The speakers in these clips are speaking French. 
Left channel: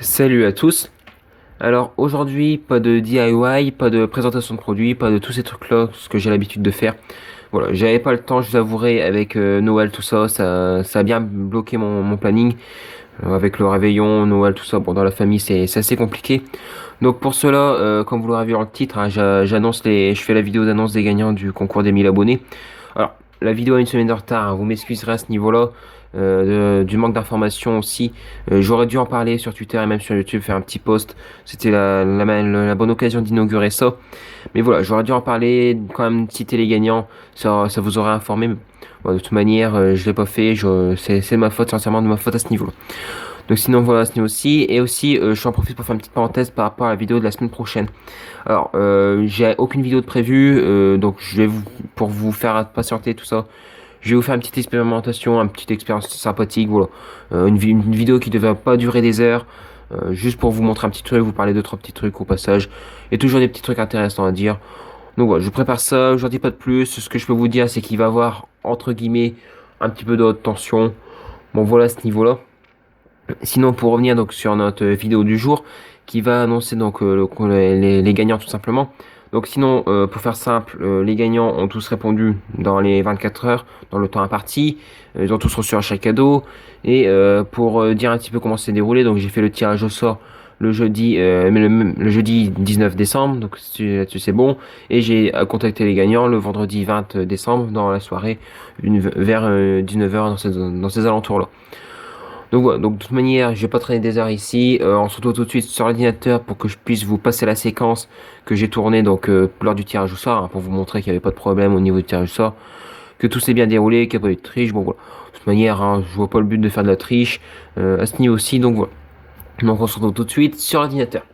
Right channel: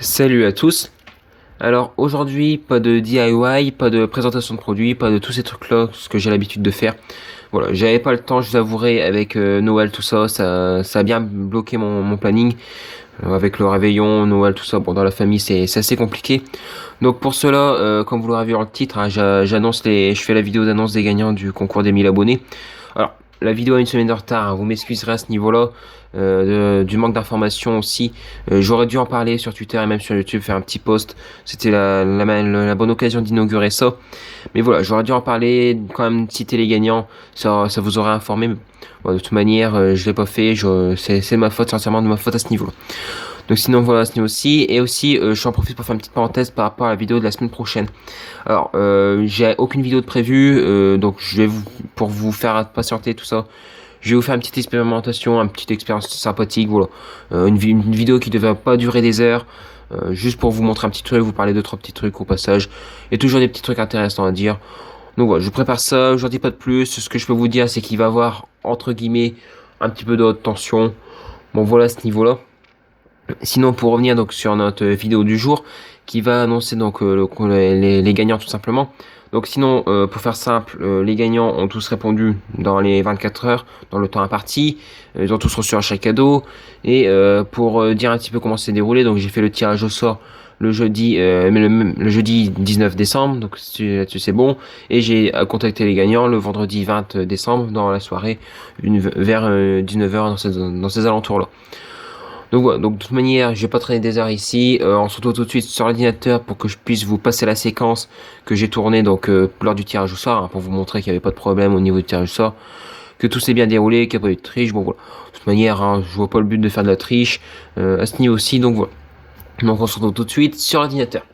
Salut à tous. Alors aujourd'hui, pas de DIY, pas de présentation de produits, pas de tous ces trucs-là, ce que j'ai l'habitude de faire. Voilà, j'avais pas le temps, je vous avouerai, avec Noël, tout ça, ça a bien bloqué mon planning. Avec le réveillon, Noël, tout ça, bon, dans la famille, c'est assez compliqué. Donc pour cela, comme vous l'aurez vu dans le titre, hein, je fais la vidéo d'annonce des gagnants du concours des 1000 abonnés. Alors, la vidéo a une semaine de retard, hein, vous m'excuserez à ce niveau-là, du manque d'informations aussi. J'aurais dû en parler sur Twitter et même sur YouTube, faire un petit post. C'était la bonne occasion d'inaugurer ça. Mais voilà, j'aurais dû en parler, quand même citer les gagnants, ça vous aurait informé. Mais bon, de toute manière, je l'ai pas fait, c'est ma faute, sincèrement de ma faute à ce niveau-là. Donc sinon voilà, ce niveau aussi. Et aussi, j'en profite pour faire une petite parenthèse par rapport à la vidéo de la semaine prochaine. Alors, j'ai aucune vidéo de prévue, donc pour vous faire patienter tout ça, je vais vous faire une petite expérimentation, une petite expérience sympathique, voilà. Une vidéo qui devrait pas durer des heures, juste pour vous montrer un petit truc, vous parler de trois petits trucs au passage, et toujours des petits trucs intéressants à dire. Donc voilà, je prépare ça, je n'en dis pas de plus. Ce que je peux vous dire, c'est qu'il va y avoir, entre guillemets, un petit peu de haute tension. Donc voilà, à ce niveau-là. Sinon, pour revenir donc sur notre vidéo du jour, qui va annoncer donc les gagnants tout simplement. Donc sinon, pour faire simple, les gagnants ont tous répondu dans les 24 heures, dans le temps imparti. Ils ont tous reçu un chèque cadeau. Et pour dire un petit peu comment c'est déroulé, donc j'ai fait le tirage au sort le jeudi, le jeudi 19 décembre, donc tu sais bon. Et j'ai contacté les gagnants le vendredi 20 décembre dans la soirée, vers 19 heures dans ces alentours-là. Donc voilà, donc de toute manière, je vais pas traîner des heures ici. On se retrouve tout de suite sur l'ordinateur pour que je puisse vous passer la séquence que j'ai tournée donc lors du tirage au sort, hein, pour vous montrer qu'il n'y avait pas de problème au niveau du tirage au sort, que tout s'est bien déroulé, qu'il n'y a pas eu de triche. Bon voilà. De toute manière, hein, je vois pas le but de faire de la triche à ce niveau aussi, donc voilà. Donc on se retrouve tout de suite sur l'ordinateur.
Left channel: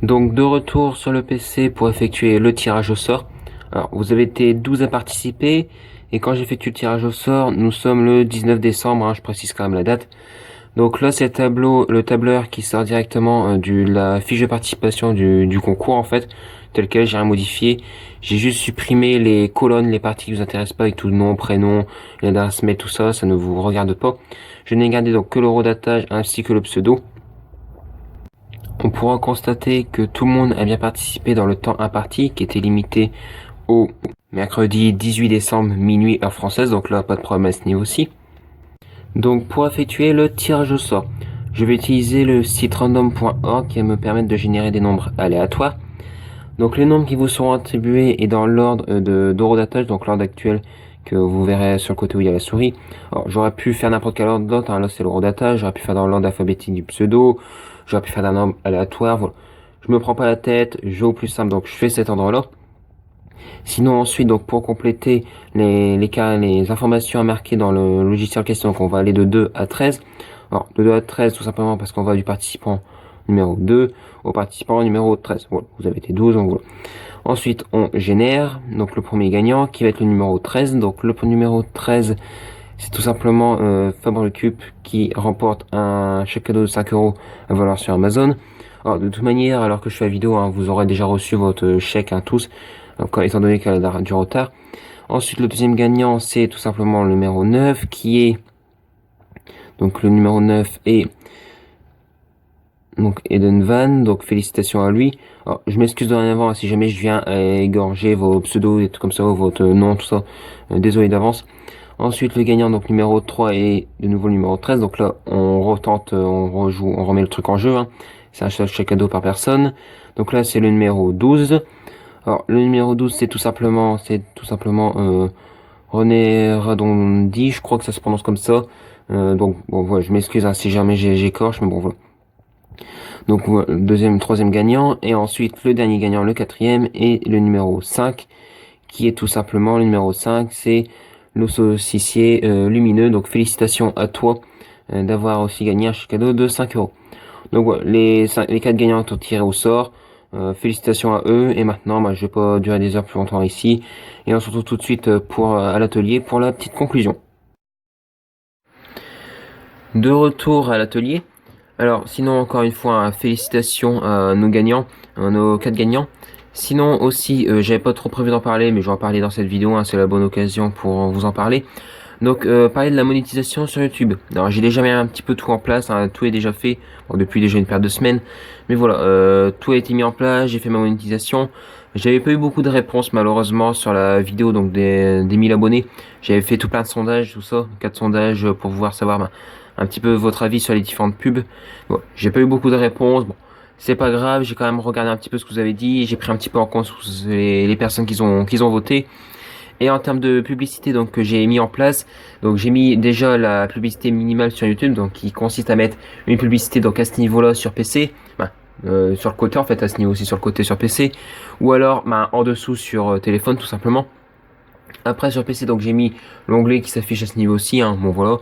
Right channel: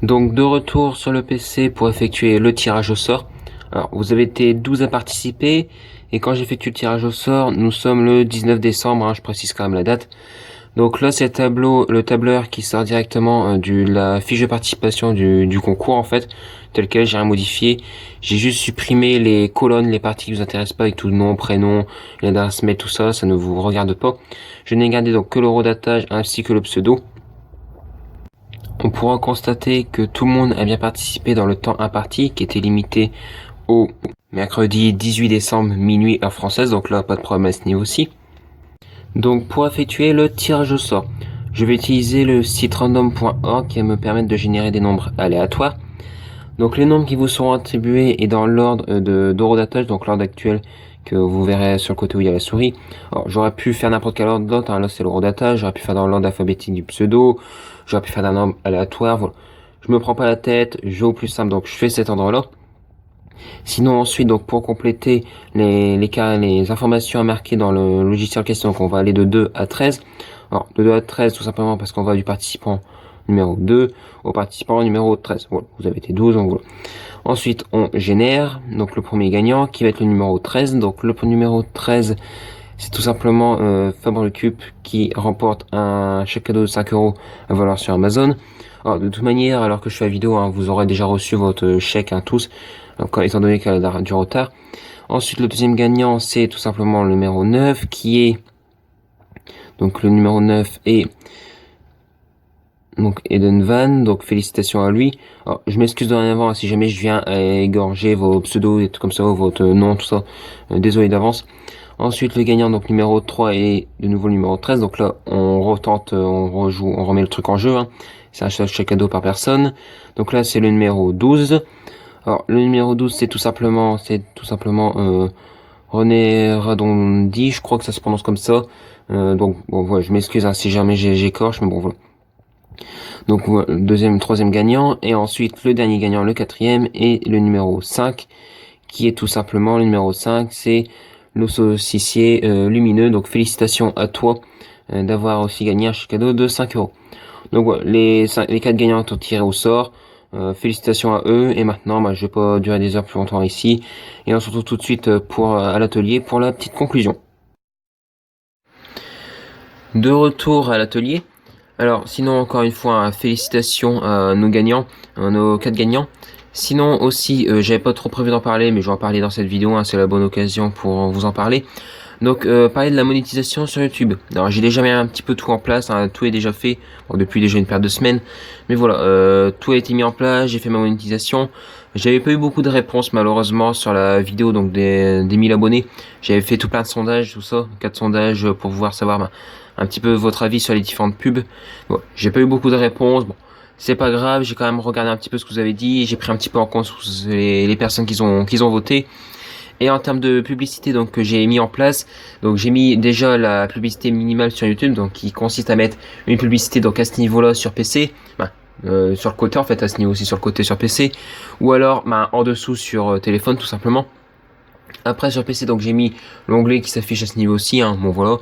Donc de retour sur le PC pour effectuer le tirage au sort. Alors vous avez été 12 à participer et quand j'effectue le tirage au sort, nous sommes le 19 décembre, hein, je précise quand même la date. Donc là, c'est le tableur qui sort directement de la fiche de participation du concours en fait, tel quel j'ai rien modifié. J'ai juste supprimé les colonnes, les parties qui vous intéressent pas avec tout le nom, prénom, l'adresse mail, tout ça, ça ne vous regarde pas. Je n'ai gardé donc que le rodatage ainsi que le pseudo. On pourra constater que tout le monde a bien participé dans le temps imparti, qui était limité au mercredi 18 décembre minuit heure française, donc là pas de problème à ce niveau aussi. Donc pour effectuer le tirage au sort, je vais utiliser le site random.org qui va me permettre de générer des nombres aléatoires. Donc les nombres qui vous seront attribués est dans l'ordre d'horodatage, donc l'ordre actuel que vous verrez sur le côté où il y a la souris. Alors j'aurais pu faire n'importe quel ordre d'autre, hein, là c'est l'horodatage, j'aurais pu faire dans l'ordre alphabétique du pseudo, j'aurais pu faire d'un nombre aléatoire. Voilà. Je me prends pas la tête, je vais au plus simple, donc je fais cet ordre-là. Sinon ensuite, donc pour compléter les informations à marquer dans le logiciel en question, on va aller de 2 à 13. Bon, de 2 à 13 tout simplement parce qu'on va du participant numéro 2 au participant numéro 13. Voilà, vous avez été 12 en gros. Ensuite, on génère donc le premier gagnant qui va être le numéro 13. Donc le numéro 13, c'est tout simplement Fabre qui remporte un chèque cadeau de 5 euros à valoir sur Amazon. Alors, de toute manière, alors que je fais la vidéo, hein, vous aurez déjà reçu votre chèque, hein, tous, donc, étant donné qu'elle a du retard. Ensuite, le deuxième gagnant, c'est tout simplement le numéro 9, qui est, donc le numéro 9 est, donc Eden Van, donc félicitations à lui. Alors, je m'excuse en avance si jamais je viens égorger vos pseudos et tout comme ça, votre nom, tout ça. Désolé d'avance. Ensuite, le gagnant, donc numéro 3 est de nouveau le numéro 13. Donc là, on retente, on rejoue, on remet le truc en jeu, hein. C'est un chèque cadeau par personne. Donc là, c'est le numéro 12. Alors, le numéro 12, c'est tout simplement René Radondi, je crois que ça se prononce comme ça. Donc, bon, voilà, je m'excuse hein, si jamais j'écorche, mais bon, voilà. Donc, voilà, le deuxième, troisième gagnant, et ensuite le dernier gagnant, le quatrième, et le numéro 5, qui est tout simplement le numéro 5, c'est l'ossocier lumineux. Donc, félicitations à toi d'avoir aussi gagné un chèque cadeau de 5 euros. Donc, voilà, les 4 gagnants sont tirés au sort. Félicitations à eux. Et maintenant, bah, je vais pas durer des heures plus longtemps ici. Et on se retrouve tout de suite à l'atelier pour la petite conclusion. De retour à l'atelier. Alors, sinon, encore une fois, félicitations à nos gagnants, à nos 4 gagnants. Sinon aussi, j'avais pas trop prévu d'en parler, mais je vais en parler dans cette vidéo, hein, c'est la bonne occasion pour vous en parler. Donc, parler de la monétisation sur YouTube. Alors, j'ai déjà mis un petit peu tout en place, hein, tout est déjà fait, bon, depuis déjà une paire de semaines. Mais voilà, tout a été mis en place, j'ai fait ma monétisation. J'avais pas eu beaucoup de réponses, malheureusement, sur la vidéo, donc des 1000 abonnés. J'avais fait tout plein de sondages, tout ça, 4 sondages pour pouvoir savoir un petit peu votre avis sur les différentes pubs. Bon, j'ai pas eu beaucoup de réponses, bon. C'est pas grave, j'ai quand même regardé un petit peu ce que vous avez dit, j'ai pris un petit peu en compte les personnes qui ont voté. Et en termes de publicité donc que j'ai mis en place, donc j'ai mis déjà la publicité minimale sur YouTube, donc qui consiste à mettre une publicité donc à ce niveau-là sur PC, sur le côté en fait à ce niveau aussi sur le côté sur PC, ou alors en dessous sur téléphone tout simplement. Après sur PC donc j'ai mis l'onglet qui s'affiche à ce niveau aussi, hein, bon voilà.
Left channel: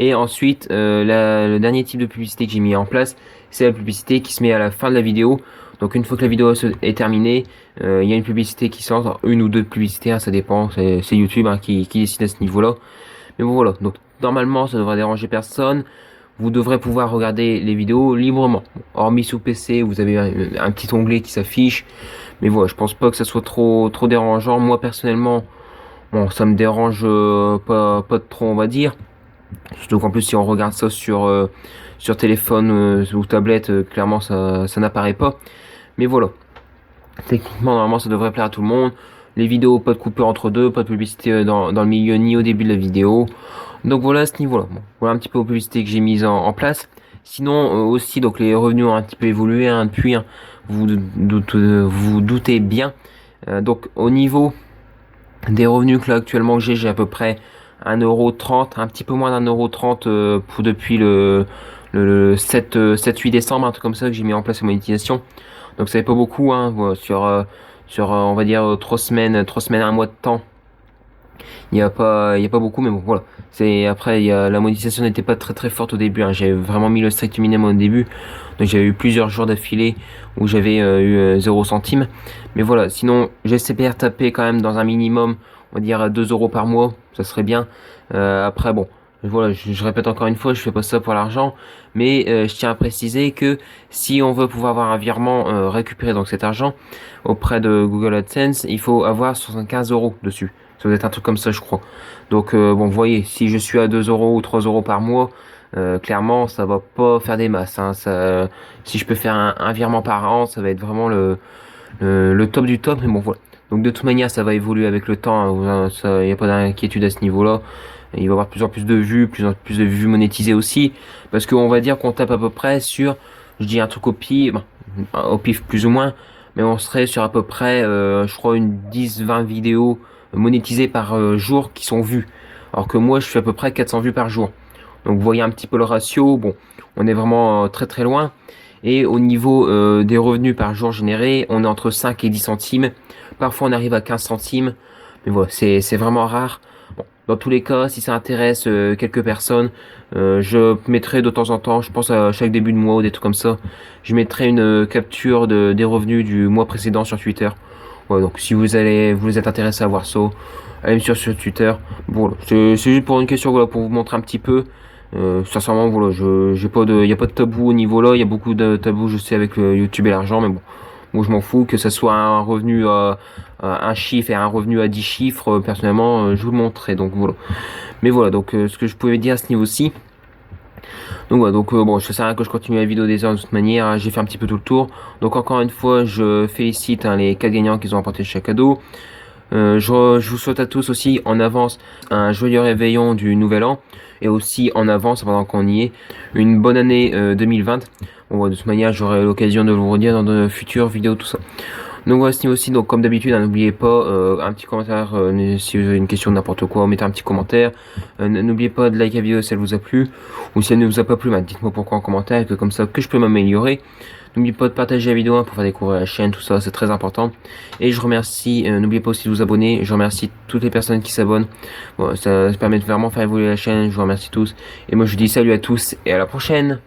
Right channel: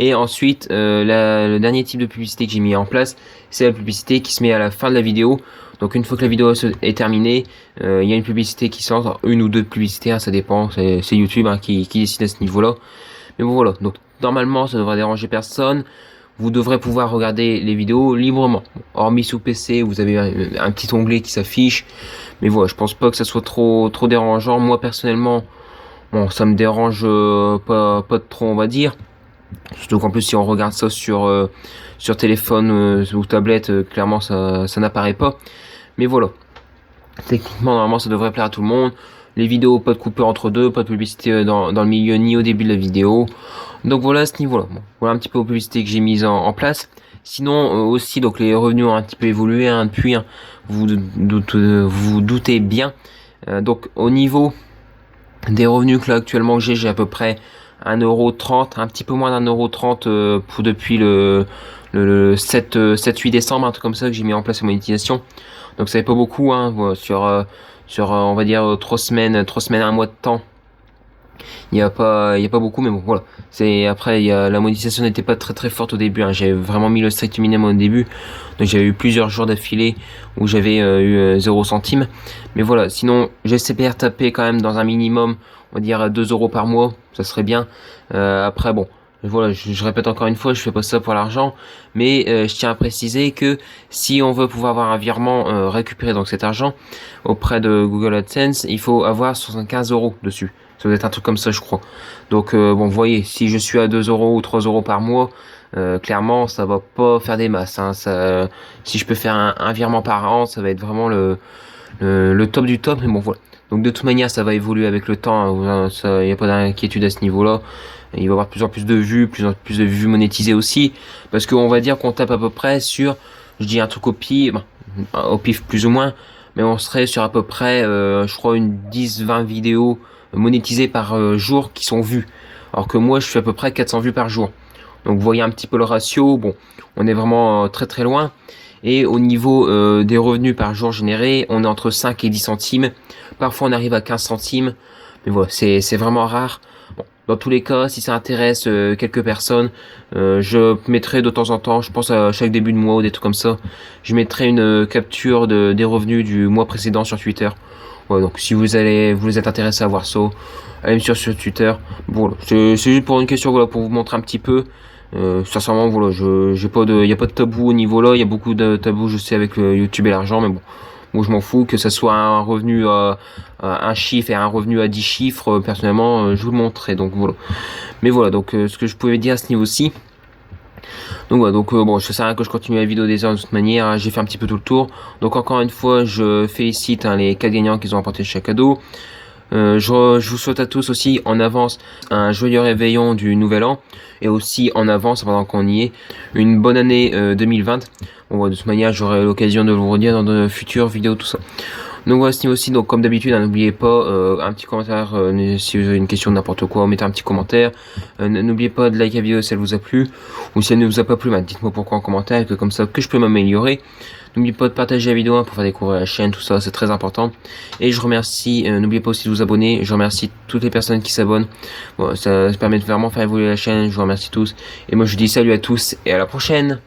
Et ensuite le dernier type de publicité que j'ai mis en place, c'est la publicité qui se met à la fin de la vidéo. Donc une fois que la vidéo est terminée, il y a une publicité qui sort, une ou deux publicités, hein, ça dépend, c'est YouTube hein, qui décide à ce niveau-là. Mais bon voilà, donc normalement ça devrait déranger personne. Vous devrez pouvoir regarder les vidéos librement. Hormis sous PC, vous avez un petit onglet qui s'affiche. Mais voilà, je pense pas que ça soit trop dérangeant. Moi personnellement, bon, ça me dérange pas de trop, on va dire. Surtout qu'en plus, si on regarde ça sur téléphone ou tablette, clairement, ça n'apparaît pas. Mais voilà. Techniquement, normalement, ça devrait plaire à tout le monde. Les vidéos, pas de coupure entre deux, pas de publicité dans le milieu ni au début de la vidéo. Donc voilà à ce niveau-là. Bon, voilà un petit peu aux publicités que j'ai mises en place. Sinon aussi, donc les revenus ont un petit peu évolué hein, depuis. Hein, vous doutez bien. Donc au niveau des revenus que là actuellement j'ai à peu près 1,30€, un petit peu moins d'1,30€ pour depuis le 7-8 décembre, un truc comme ça que j'ai mis en place la monétisation. Donc ça fait pas beaucoup hein, voilà, sur on va dire 3 semaines, un mois de temps. Il y a pas beaucoup, mais bon voilà. C'est après la monétisation n'était pas très forte au début. Hein. J'avais vraiment mis le strict minimum au début, donc j'avais eu plusieurs jours d'affilée où j'avais eu 0 centime. Mais voilà, sinon j'espère taper quand même dans un minimum, on va dire 2€ par mois, ça serait bien. Après bon, voilà, je répète encore une fois, je fais pas ça pour l'argent, mais je tiens à préciser que si on veut pouvoir avoir un virement récupérer donc cet argent auprès de Google AdSense, il faut avoir 75€ dessus. Ça doit être un truc comme ça, je crois. Donc bon, vous voyez, si je suis à 2€ ou 3€ par mois, clairement, ça va pas faire des masses. Hein, si je peux faire un virement par an, ça va être vraiment le top du top. Mais bon, voilà. Donc de toute manière, ça va évoluer avec le temps. Il n'y a pas d'inquiétude à ce niveau-là. Il y aura de plus en plus de vues, plus en plus de vues monétisées aussi. Parce qu'on va dire qu'on tape à peu près sur, je dis un truc au pif plus ou moins, mais on serait sur à peu près, je crois, une 10-20 vidéos monétisées par jour qui sont vues. Alors que moi, je fais à peu près 400 vues par jour. Donc vous voyez un petit peu le ratio. Bon, on est vraiment très loin. Et au niveau des revenus par jour générés, on est entre 5 et 10 centimes. Parfois, on arrive à 15 centimes. Mais voilà, c'est vraiment rare. Dans tous les cas, si ça intéresse quelques personnes, je mettrai de temps en temps, je pense à chaque début de mois ou des trucs comme ça, je mettrai une capture des revenus du mois précédent sur Twitter. Ouais, donc si vous êtes intéressé à voir ça, allez sur ce Twitter. Voilà, c'est juste pour une question, voilà, pour vous montrer un petit peu. Sincèrement, voilà, y a pas de tabou au niveau là. Il y a beaucoup de tabous, je sais, avec YouTube et l'argent, mais bon. Moi, je m'en fous que ça soit un revenu à un chiffre et un revenu à 10 chiffres. Personnellement, je vous le montrerai. Donc voilà. Mais voilà, donc ce que je pouvais dire à ce niveau-ci. Donc voilà, donc bon, je sais rien que je continue la vidéo des heures de toute manière. Hein, j'ai fait un petit peu tout le tour. Donc encore une fois, je félicite hein, les 4 gagnants qui ont remporté chaque cadeau. Je vous souhaite à tous aussi en avance un joyeux réveillon du nouvel an et aussi en avance, pendant qu'on y est, une bonne année 2020. Bon, de toute manière, j'aurai l'occasion de vous redire dans de futures vidéos, tout ça. Donc voilà, c'est aussi, donc comme d'habitude, hein, n'oubliez pas un petit commentaire si vous avez une question de n'importe quoi, mettez un petit commentaire. N'oubliez pas de liker la vidéo si elle vous a plu, ou si elle ne vous a pas plu, dites-moi pourquoi en commentaire, que comme ça que je peux m'améliorer. N'oubliez pas de partager la vidéo pour faire découvrir la chaîne, tout ça, c'est très important. Et je remercie, n'oubliez pas aussi de vous abonner, je remercie toutes les personnes qui s'abonnent. Bon, ça permet de vraiment faire évoluer la chaîne, je vous remercie tous. Et moi je vous dis salut à tous et à la prochaine.